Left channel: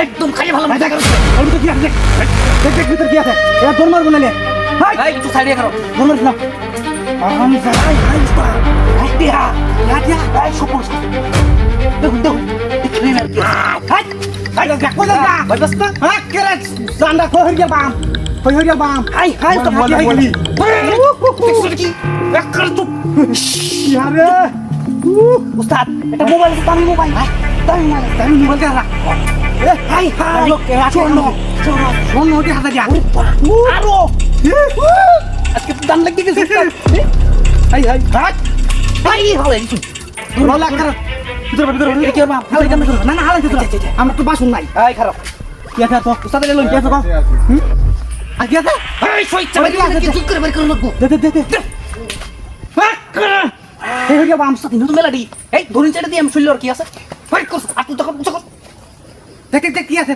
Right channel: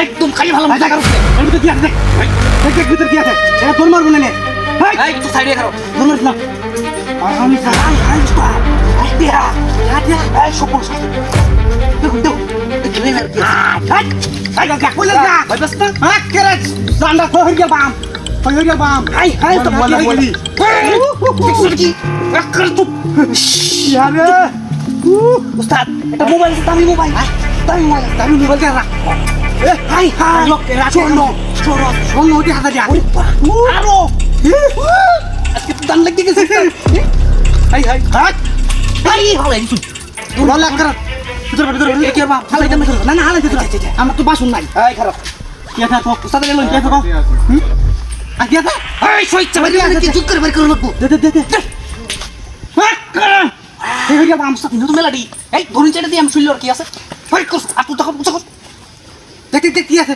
একদম খাই ভালো মজা করছে এর ভিতর কি আছে দেখ ভিতর কি আছে এটা তোর মারবো না এই একটু সাইডে খাও তোর মারছ না আরাম সারাই হাইস্তা আইডিয়া আইডিয়া এই সুপুস দেখো এখানে আর কি কাট কাট কাট বলে গা ভাই বাস না হ্যাঁ কেরে সান্ডা কো হইয়া বাম হইয়া বাম হাই হাই তো বলে গেলি দেখছ কি একবার তো আরে উস্তাদ এটা মোবাইল দামি মোবাইল কে রাখ হাই হাই শোনো ওটি হাতে দিয়া আরো আজকে তো দাম লাগতে গেছে হাই হাই হাট হাই হাই ভালো লাগছে ভিতর কি আর বাপ হালাই কেন না না হালাই ভিতর আমরা তো বাসুন নাই এই খারাপ কি আছে তো সাথে গেল কি আছে তো আগে আছে এই সই চাবি কি ঠিক করে বের করে লাগবো দে এই যে বাম সাথে তো মেলাডি এই ধরুন চেটা দিয়ে আমি শুনল কি আছে বের কর আপু তখন বুঝো দেখ কি আছে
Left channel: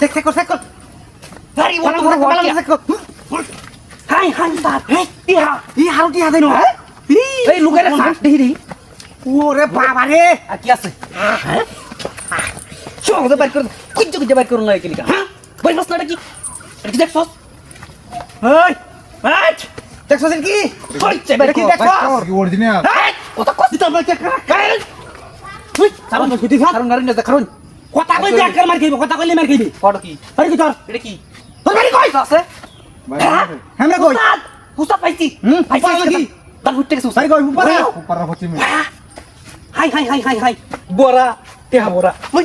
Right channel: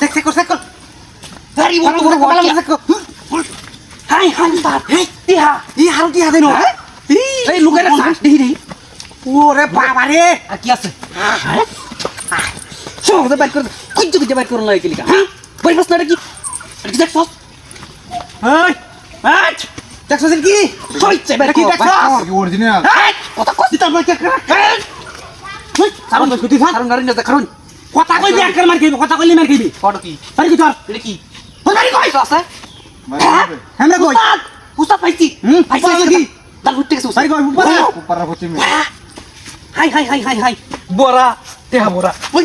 দেখ কর ভেরি বড় ভালো লাগছে হাই হাই তা এই হাল দিয়া দেন এই লুকারে সাথ দেই ওরে বাবা রে আর কি আছে চোখ দে বের কর কুঞ্জ কুঞ্জ বের করন লাগে কি লিখা হ্যাঁ বের বস না কি এটা দেখছস এই এই দেখছস কি সইছে বের কি দেখছস কি অরিজিনাল কথা কই দিতে আমরা কে তুই সারন ছুটি থাক কারণ গাড়ি না কারণ কথা কই দেখ মার খাইবো কথা কইলে মার খাইবি কত কি আরে কি তোর এটা কি তোর গাড়ি কই আছে আমরা কই উস্তাদ পাইছি পাইছি কি দাল উঠতে গেছে সাই কই উপরে পারা হচ্ছে মি হাই বড়া তেহা বড়া ওই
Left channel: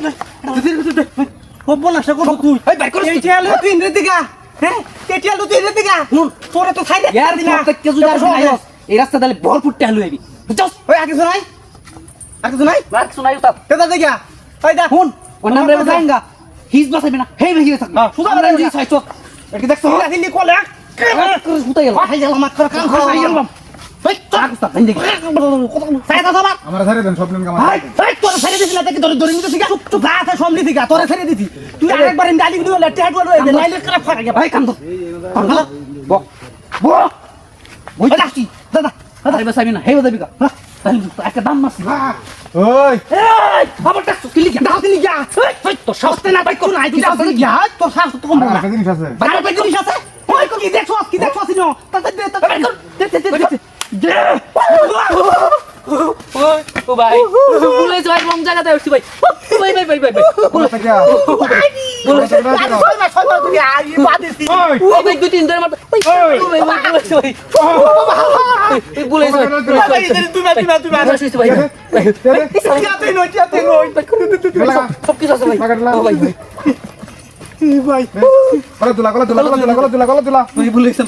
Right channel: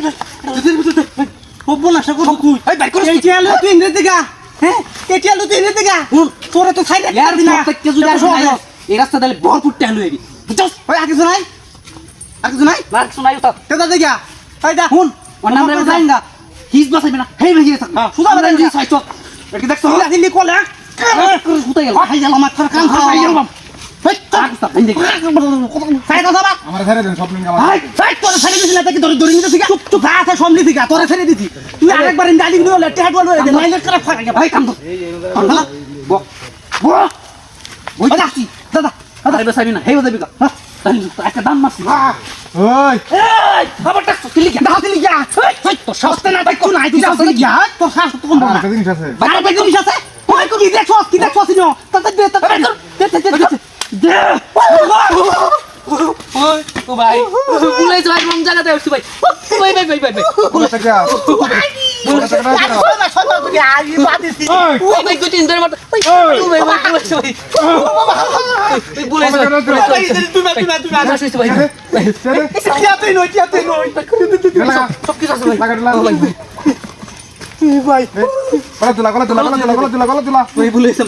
ও বলা সব তুই এই বের কর এই টিয়ালো তুই ইন্দ্র দিগা হ্যাঁ এই টিয়ালো তুই ইন্দ্র দিগা তোরে তো সাইডে यार প্রত্যেককে যদি এই রাস্তা দালে ভরপুর টাহলু হইবি বুঝছস ওই আগে শোনাই মার শোনাই উতা তেদা দিগা এই দা শুন ওর নাম রে জাইঙ্গা হিজ বাসাইবে না হেই বেহিয়ে থাক সুদা আমরা বেরিয়ে জি ছয় চক এটা কি দেখছস তোলা দিলি কোলে হুতাই গেল হাই গেল মাত্র কান খাই গেল এই চাক তা হিন্দে সাইডে সবাক আমার ধারে দেন সব লিঙ্গ আমার হাই সাইড তোরে ছেড়ে দিছিস না তাকে ধরে নিতে শিখা চুপ চুপ যা আছে সামনে দিগা তোরে ছেড়ে দিছি তুই আরেকবার ইন্দালি দিলি বলে টেট বল হয়ে নাইলে করে ফাটা গে ভাই কাম তো বক বক ওই যাচ্ছি দাদা আরে বাসাইবে না হেই বাসাইবে কা তাহলে একটা দাম মারছি ওই এই খবরটা কিলি গে দাও দিলি গা ওই তো সস্তে না ভাই কোন আই দিছ দিলি গা তো সাস তো কম আমার না একটা জিনিস আছে বাইরে দেখি দিছ আছে ওই কোন কি দেখছস নিও তাতে দে দে ও ভাই বুলাই যাই রং জায়গাতে উঠছি ভাই ভাই বলে থাকে বলে থাকে ও ভাই দুই তিন ধরে মারতে ভাই বুলাই যাই সব কিছু আছে ভাই ভাই গলা তুলা ভাই বুলাইছে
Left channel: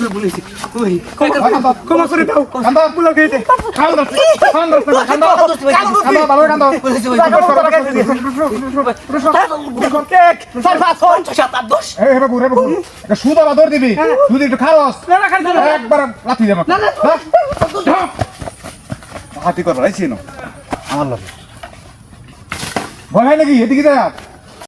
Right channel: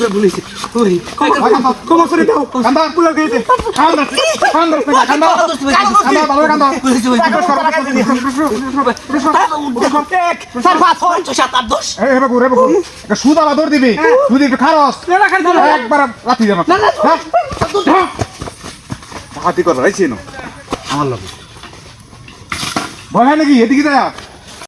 ভাই কোন সরি দাও কান্দা বুলা গেছে কান্দা ভালো কান্দা বুলাইছে ভাই স্যার পাস এই রে বাবু এটা সুদা বাদর দিবি তুই একটু খারস একবার লাথি দে আমাকে হাতি কর রাইছি না আমার লগে ভয় হয় নাকি এদিকে যা